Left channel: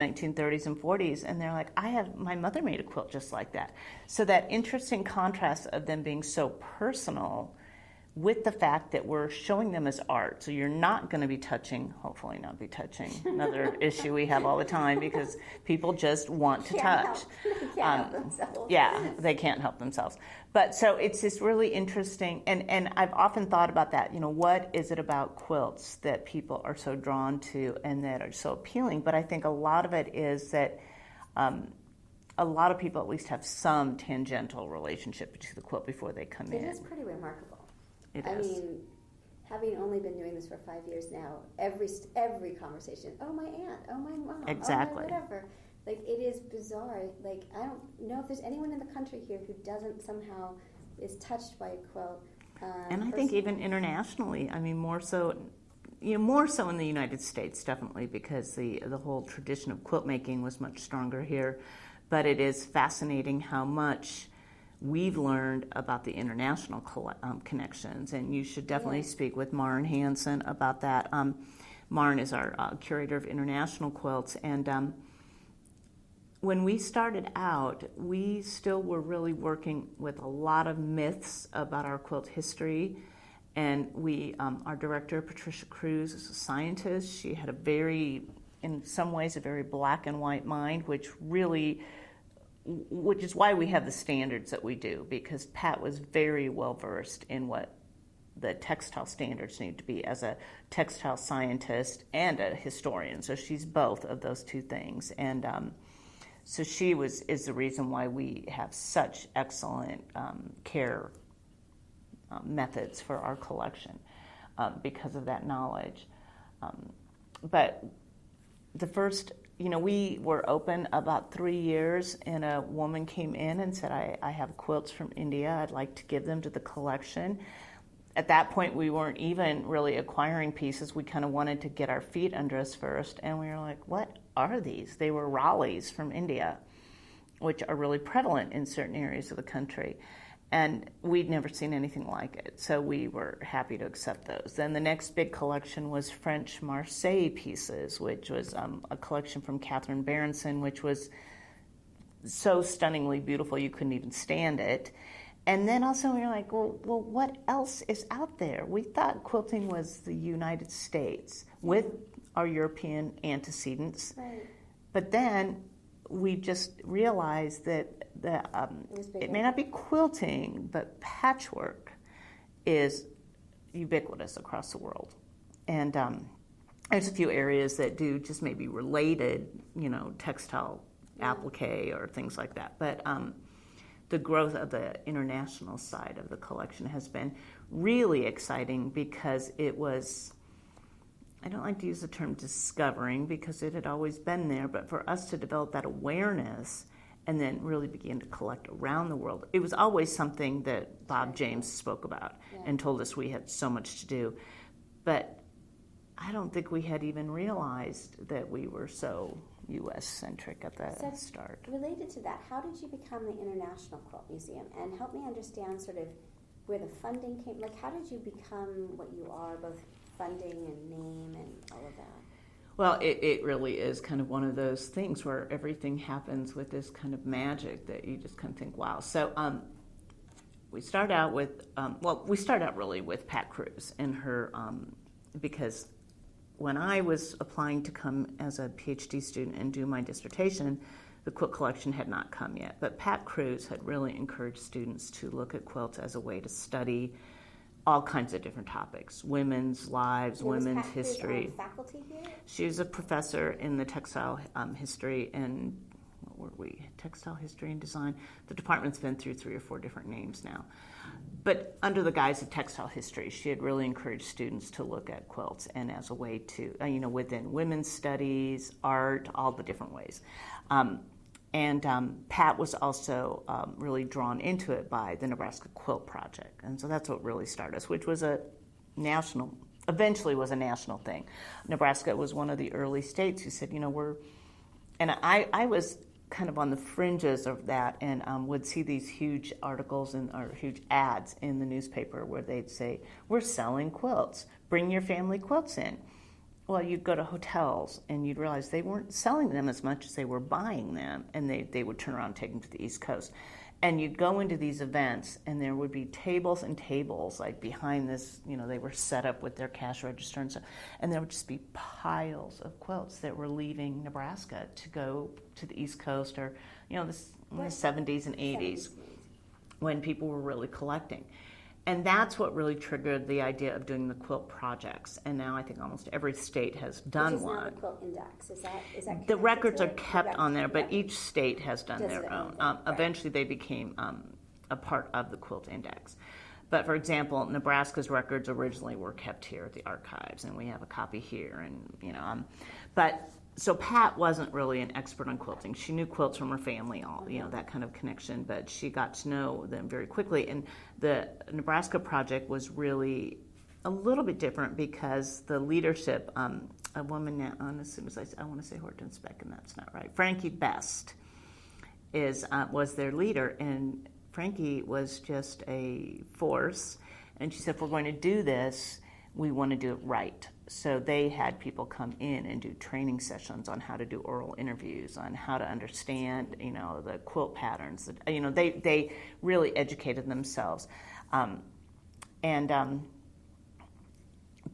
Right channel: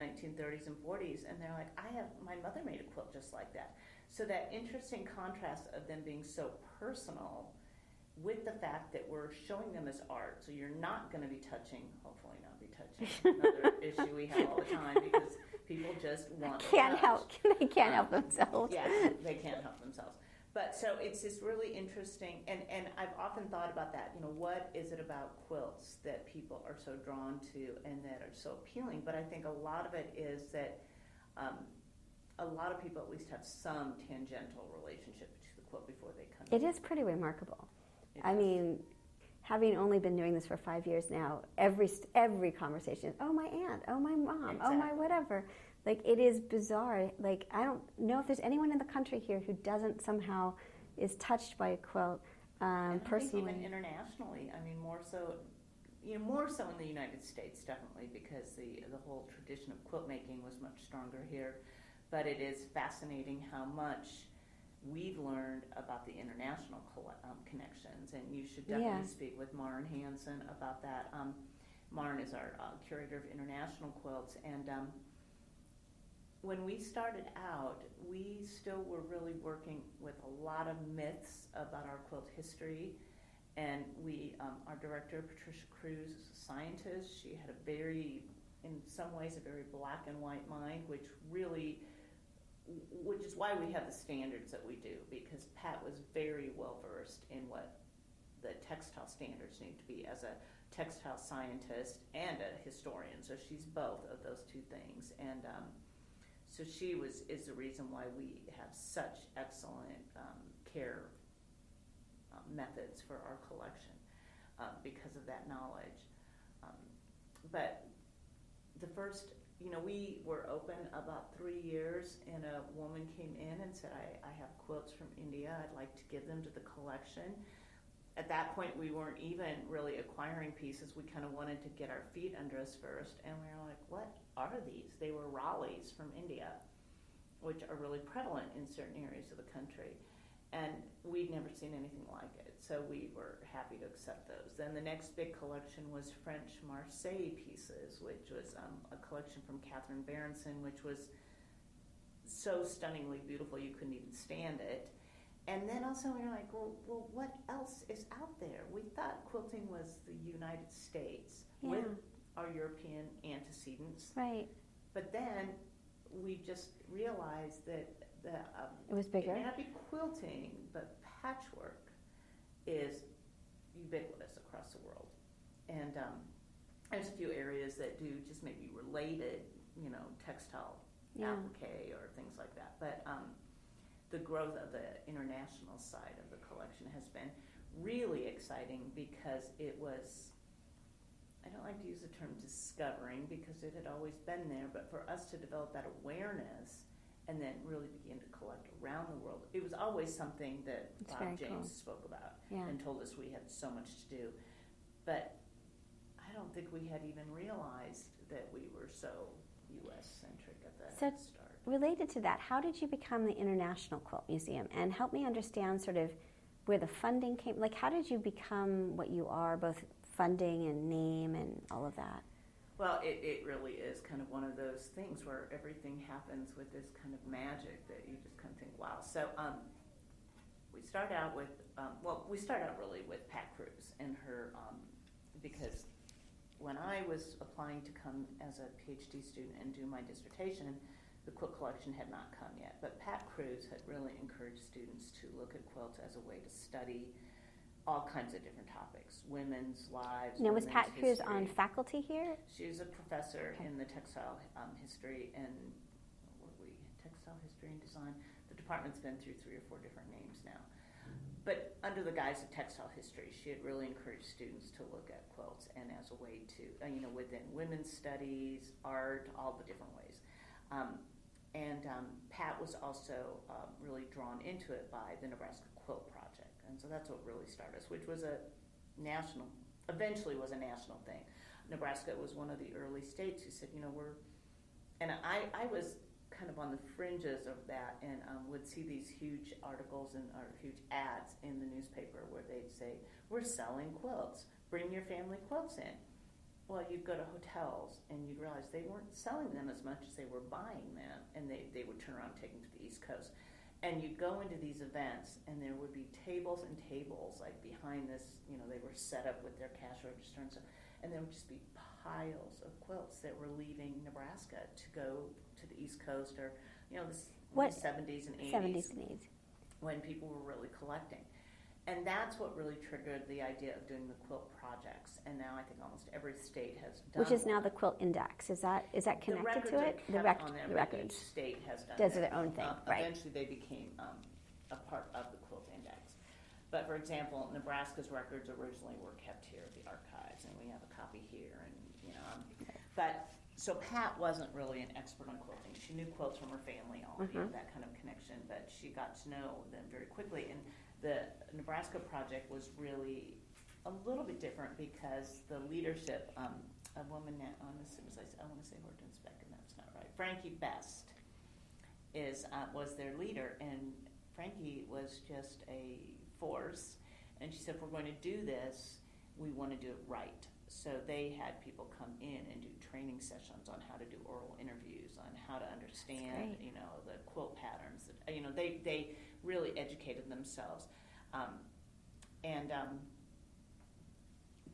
1930s and 40s, and they're like, my mother made a quilt just like that. So that interesting contrast of them being so personal with the fact that we're showing them as art. So you're not going to be touching, hopefully not be touching, another issue we have all the time because people just want to touch. They can't help themselves. Yeah, they can't help themselves. But so it's just really interesting, and I've often thought about that, what is it about quilts that people are so drawn to and that are so appealing? But I think a lot of it is that a lot of people at least have some tangential relationship to the quilt before they come in. It is pretty remarkable. I mean, having only been doing this for 5 years now, every conversation, oh, my aunt, oh, my mom, exactly. Oh, my whatever. Like, it is bizarre. Like, I don't know if there's anyone in the country here who doesn't somehow is touched by a quilt. And I think even internationally, I mean, more so in the United States, definitely, because the whole tradition of quilt making was much stronger here. But it is fascinating how much we've learned about the international connections, and you should definitely speak with Maren Hansen about that. Maren is our curator of international quilts, and when we started out, we still were really working with a lot of myths about our quilt history, and our director, Patricia Cruz, is a scientist. She had in some ways, a very black and white mind, which is why we have the standards that we do, because Pat was very well versed in what the textile standards need to be as a textile scientist and a historian. So she's both of those two things. And so she is the reason why we have such excellent care methods for our collection, because of that knowledge. But the first, we were open about 3 years, and a woman came in and said, I have quilts from India. I'd like to give them to the collection. At that point, we weren't even really acquiring pieces. We kind of wanted to get our feet under us first, and we were like, what are these? They were Ralis from India, which are really prevalent in certain areas of the country. And we'd never seen anything like it, so we were happy to accept those. Then the next big collection was French Marseille pieces, which was a collection from Catherine Berenson, which was so stunningly beautiful you couldn't even stand it. And then also we were like, well, what else is out there? We thought quilting was the United States with our European antecedents. Right. But then we just realized that it may not be quilting, but patchwork is ubiquitous across the world. And there's a few areas that do just maybe related, textile applique or things like that. But the growth of the international side of the collection has been really exciting, because it was, I don't like to use the term discovering because it had always been there, but for us to develop that awareness and then really begin to collect around the world. It was always something that Bob James spoke about and told us we had so much to do. But I don't think we had even realized that we were so U.S.-centric at the start. Related to that, how did you become the International Quilt Museum? And help me understand sort of where the funding came. Like, how did you become what you are, both funding and name and all of that? Well, it really is kind of one of those things where everything happens with this kind of magic that you just kind of think, wow. So we start out really with Pat Cruz and her, because when I was applying to come as a PhD student and do my dissertation, the quilt collection had not come yet. But Pat Cruz had really encouraged students to look at quilts as a way to study all kinds of different topics: women's lives, women's history. Was Pat Cruz on faculty here? She was a professor in the textile history and, textile history and design. The department's been through 3 or 4 different names now. But under the guise of textile history, she had really encouraged students to look at quilts and as a way to, within women's studies, art, all the different ways. And Pat was also really drawn into it by the Nebraska Quilt Project. And so that's what really started us, which was eventually was a national thing. Nebraska was one of the early states who said, and I was kind of on the fringes of that, and would see these huge articles or huge ads in the newspaper where they'd say, we're selling quilts, bring your family quilts in. well, you'd go to hotels and you'd realize they weren't selling them as much as they were buying them, and they would turn around and take them to the East Coast. And you'd go into these events, and there would be tables and tables, like behind this, they were set up with their cash register and stuff, and there would just be piles of quilts that were leaving Nebraska to go to the East Coast, or, this in the 70s and 80s, when people were really collecting. And that's what really triggered the idea of doing the quilt projects. And now I think almost every state has done one. Which is now the Quilt Index. Is that connected The records to are it? kept on there, but each state has done Does their their own own. thing, right. Eventually they became a part of the Quilt Index. But for example, Nebraska's records originally were kept here at the archives, and we have a copy here. And so Pat wasn't really an expert on quilting. She knew quilts from her family, that kind of connection, but she got to know them very quickly. And the Nebraska project was really a little bit different because the leadership, a woman now, as soon as I want to say Hortense Beck, and that's not right, Frankie Best was their leader, and Frankie was just a force. And she said, if we're going to do this, we want to do it right. So they had people come in and do training sessions on how to do oral interviews, on how to understand, the quilt patterns. They really educated themselves,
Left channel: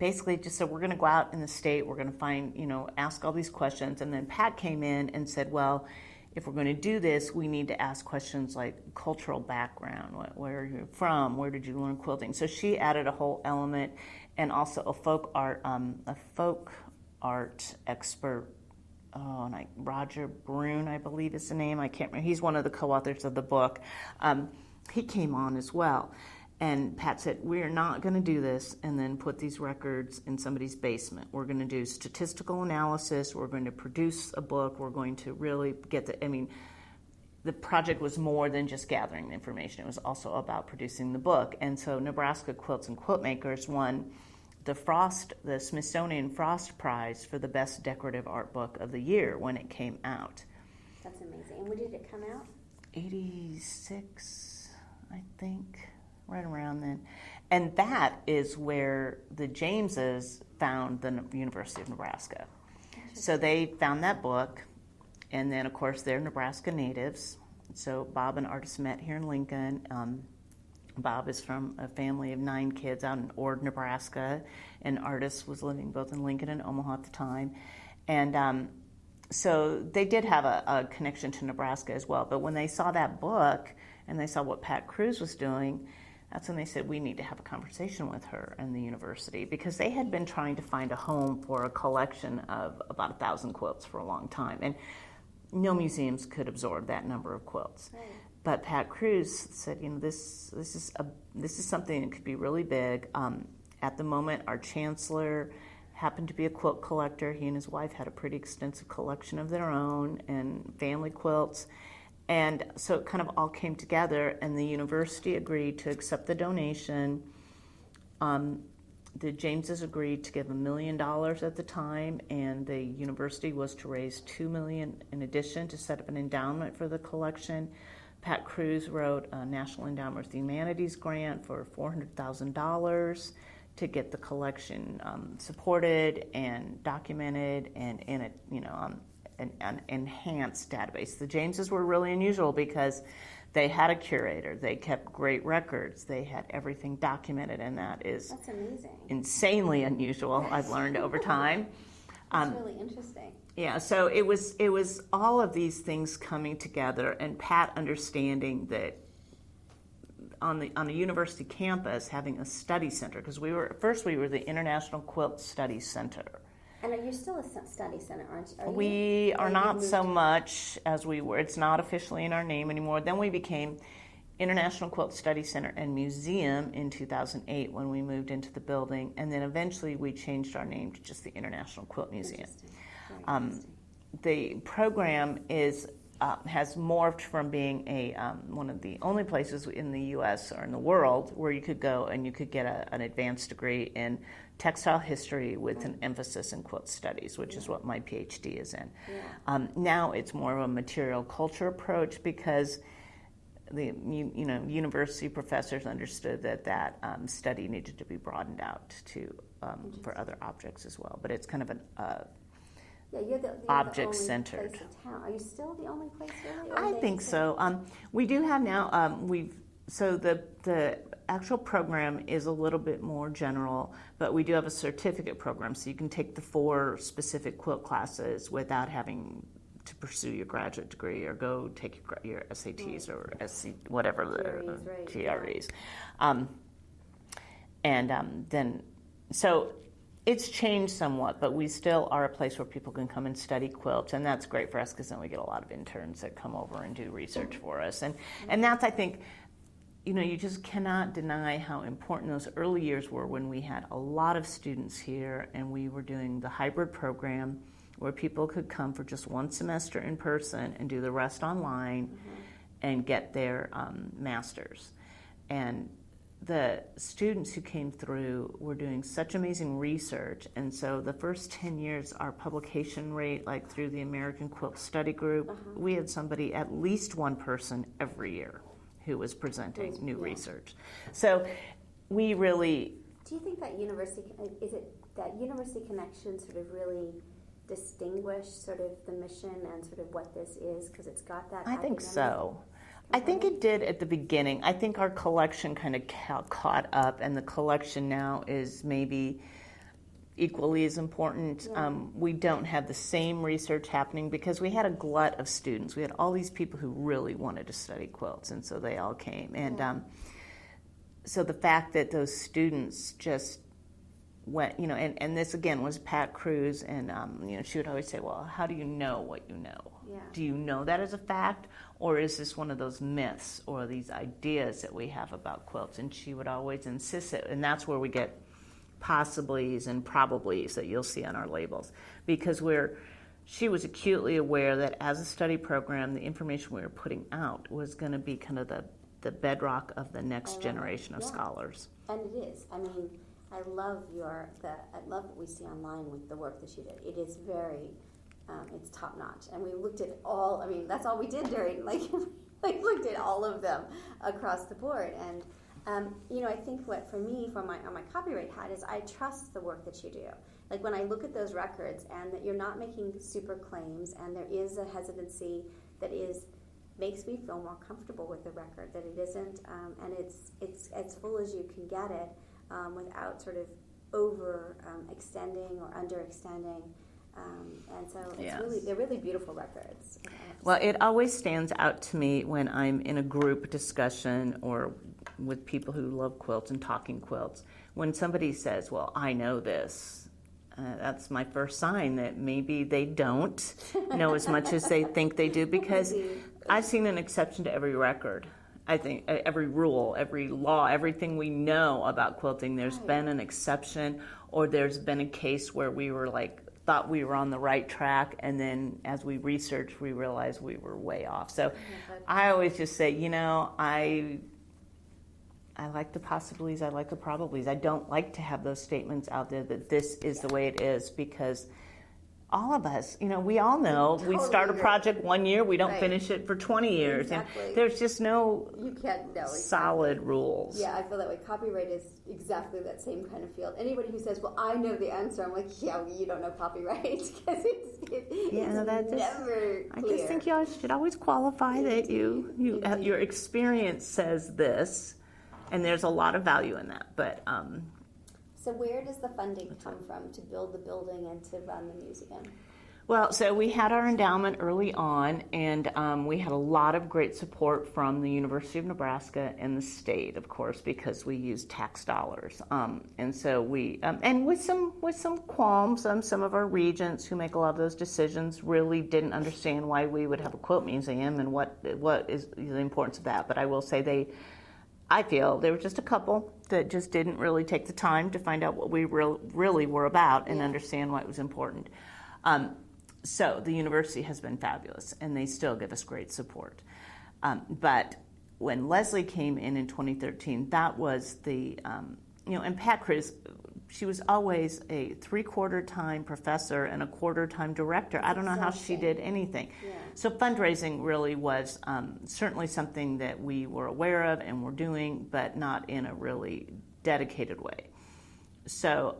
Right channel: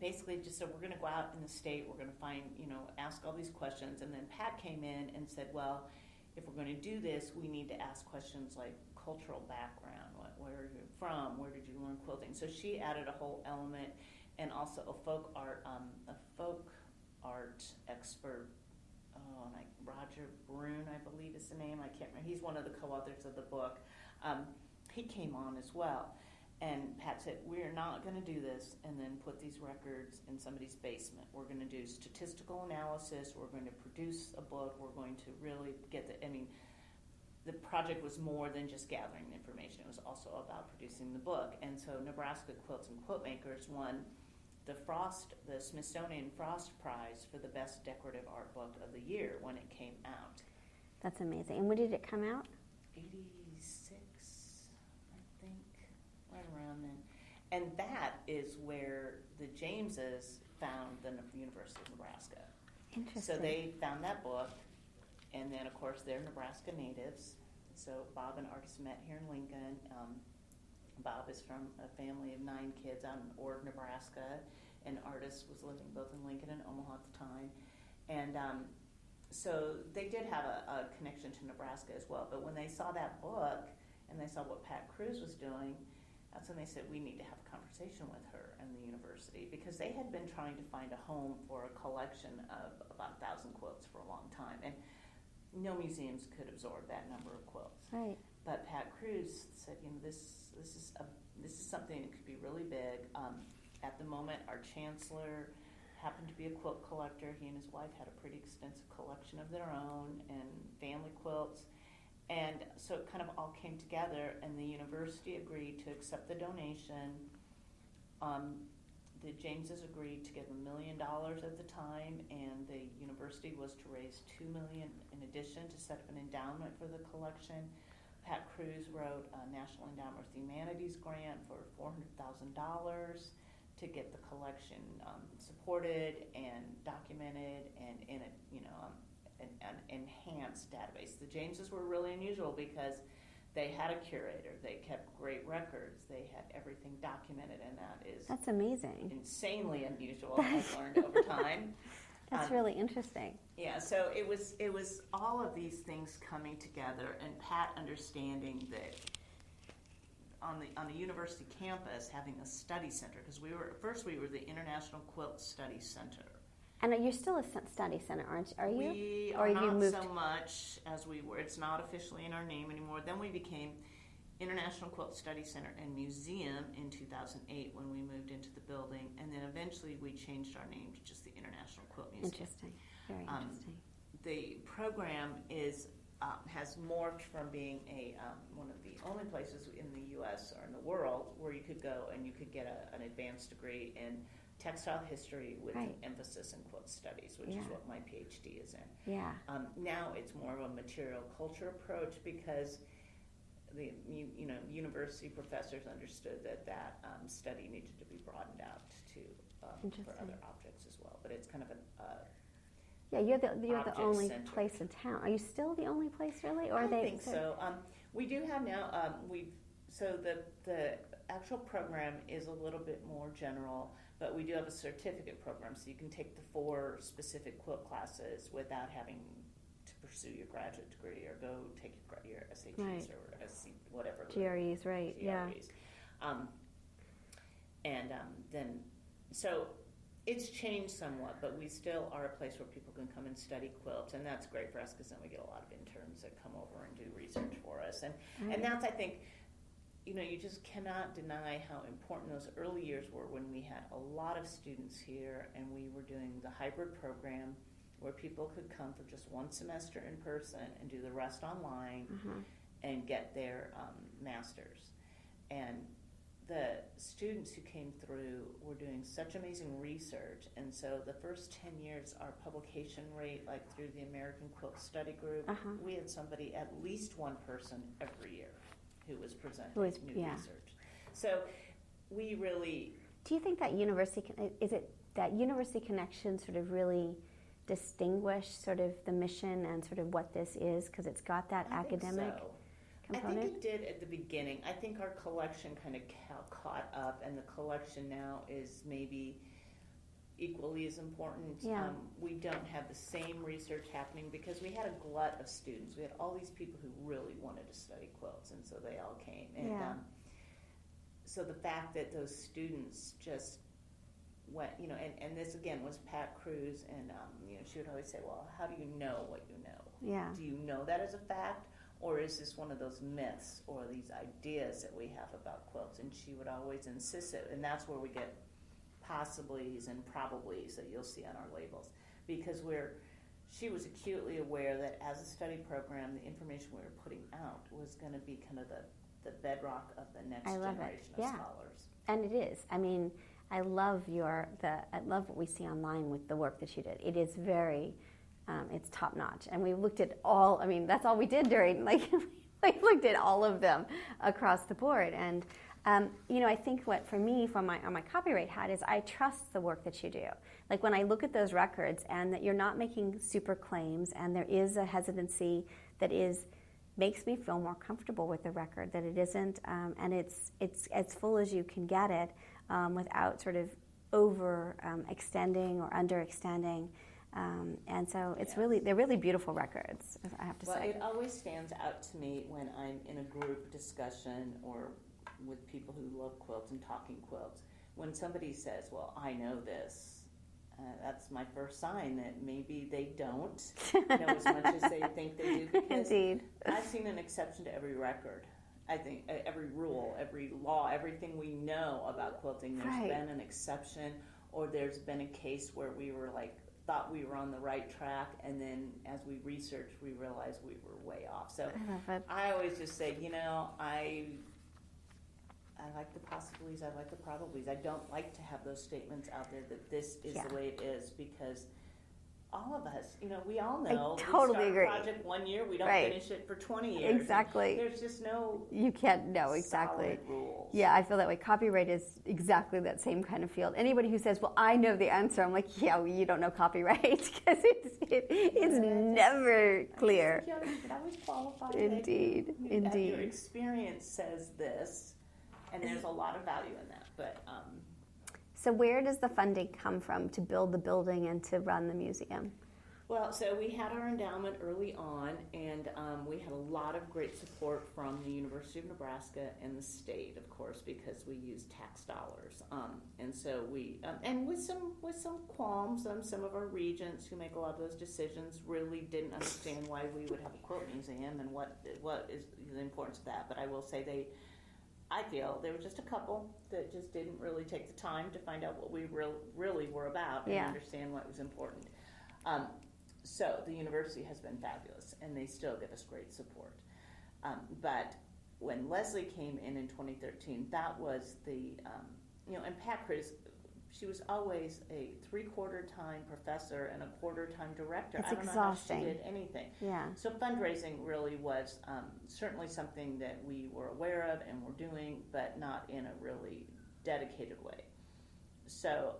basically just said, we're going to go out in the state, we're going to find, ask all these questions. And then Pat came in and said, well, if we're going to do this, we need to ask questions like cultural background, where are you from, where did you learn quilting? So she added a whole element. And also a folk art expert, Roger Brune, I believe is the name. I can't remember. He's one of the co-authors of the book. He came on as well. And Pat said, we're not going to do this and then put these records in somebody's basement. We're going to do statistical analysis. We're going to produce a book. We're going to really get the project was more than just gathering the information. It was also about producing the book. And so Nebraska Quilts and Quilt Makers won the Smithsonian Frost Prize for the best decorative art book of the year when it came out. That's amazing. And when did it come out? 86, I think, right around then. And that is where the Jameses found the University of Nebraska. So they found that book. And then, of course, they're Nebraska natives. So Bob and Artis met here in Lincoln. Bob is from a family of 9 kids out in Ord, Nebraska. And Artis was living both in Lincoln and Omaha at the time. And so they did have a connection to Nebraska as well. But when they saw that book and they saw what Pat Cruz was doing, that's when they said, we need to have a conversation with her and the university, because they had been trying to find a home for a collection of about 1,000 quilts for a long time. And no museums could absorb that number of quilts. Right. But Pat Cruz said, this is something that could be really big. At the moment, our chancellor happened to be a quilt collector. He and his wife had a pretty extensive collection of their own and family quilts. And so it kind of all came together, and the university agreed to accept the donation. The Jameses agreed to give $1 million at the time, and the university was to raise $2 million in addition to set up an endowment for the collection. Pat Cruz wrote a National Endowment for the Humanities grant for $400,000 to get the collection supported and documented and in an enhanced database. The Jameses were really unusual because they had a curator. They kept great records. They had everything documented, and that's amazing. Insanely unusual, I've learned over time. That's really interesting. Yeah, so it was all of these things coming together, and Pat understanding that on the university campus having a study center, because we were the International Quilt Study Center. And you're still a study center, aren't you? We are not so much as we were. It's not officially in our name anymore. Then we became International Quilt Study Center and Museum in 2008 when we moved into the building. And then eventually we changed our name to just the International Quilt Museum. Interesting. Very interesting. The program has morphed from being one of the only places in the U.S. or in the world where you could go and you could get an advanced degree in textile history with an emphasis in quilt studies, which is what my PhD is in. Yeah. Now it's more of a material culture approach because the university professors understood that study needed to be broadened out to for other objects as well. But it's kind of an yeah, you're the object only centered place in town. Are you still the only place, really? Or I think so. We do have now. So the actual program is a little bit more general, but we do have a certificate program, so you can take the 4 specific quilt classes without having to pursue your graduate degree or go take your SATs or whatever GREs, right? GREs. Then so it's changed somewhat, but we still are a place where people can come and study quilts, and that's great for us because then we get a lot of interns that come over and do research for us, and that's, I think, you just cannot deny how important those early years were when we had a lot of students here and we were doing the hybrid program where people could come for just 1 semester in person and do the rest online and get their master's. And the students who came through were doing such amazing research, and so the first 10 years our publication rate, like through the American Quilt Study Group, we had somebody, at least 1 person every year who was presenting new research. So we really... Do you think that university connection sort of really distinguished sort of the mission and sort of what this is, because it's got that academic... I think so. I think it did at the beginning. I think our collection kind of caught up, and the collection now is maybe equally as important. Yeah. We don't have the same research happening because we had a glut of students. We had all these people who really wanted to study quilts, and so they all came. And so the fact that those students just went, and this again was Pat Cruz, and she would always say, well, how do you know what you know? Yeah. Do you know that as a fact? Or is this one of those myths or these ideas that we have about quilts? And she would always insist it, and that's where we get possiblies and probablys that you'll see on our labels, because she was acutely aware that as a study program, the information we were putting out was going to be kind of the bedrock of the next generation of scholars. And it is. I mean, I love what we see online with the work that you did. It is very, it's top notch. And we looked at all. I mean, that's all we did during we looked at all of them across the board. And I think what for me, on my copyright hat, is I trust the work that you do. Like when I look at those records, and that you're not making super claims, and there is a hesitancy that makes me feel more comfortable with the record. That it isn't, and it's as full as you can get it, without sort of over extending or underextending. And so they're really beautiful records, I have to say. It always stands out to me when I'm in a group discussion or with people who love quilts and talking quilts, when somebody says, well, I know this, that's my first sign that maybe they don't know as much as they think they do, because I've seen an exception to every record. I think every rule, every law, everything we know about quilting, there's been an exception, or there's been a case where we were thought we were on the right track, and then as we researched, we realized we were way off. So I always just say, I like the possibilities, I like the probablys. I don't like to have those statements out there that this is the way it is, because all of us, we all know we start a project 1 year, we don't finish it for 20 years. Exactly. There's just no solid rules. Yeah, I feel that way. Copyright is exactly that same kind of field. Anybody who says, well, I know the answer, I'm like, you don't know copyright, because it is never clear. I just think you should always qualify that your experience says this, and there's a lot of value in that. But so where does the funding come from to build the building and to run the museum? Well, so we had our endowment early on, and we had a lot of great support from the University of Nebraska and the state, of course, because we used tax dollars. And so we, and with some qualms, some of our regents who make a lot of those decisions really didn't understand why we would have a quilt museum and what is the importance of that. But I will say I feel there were just a couple that just didn't really take the time to find out what we really were about and understand why it was important. So the university has been fabulous, and they still give us great support. But when Leslie came in 2013, that was and Pat Cruz, she was always a 3/4 time professor and a 1/4 time director. I don't know how she did anything. Yeah. So fundraising really was certainly something that we were aware of and were doing, but not in a really dedicated way. So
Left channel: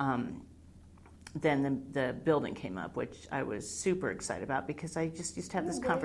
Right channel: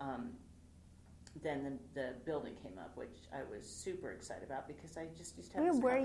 then the building came up, which I was super excited about because I just used to have this conversation.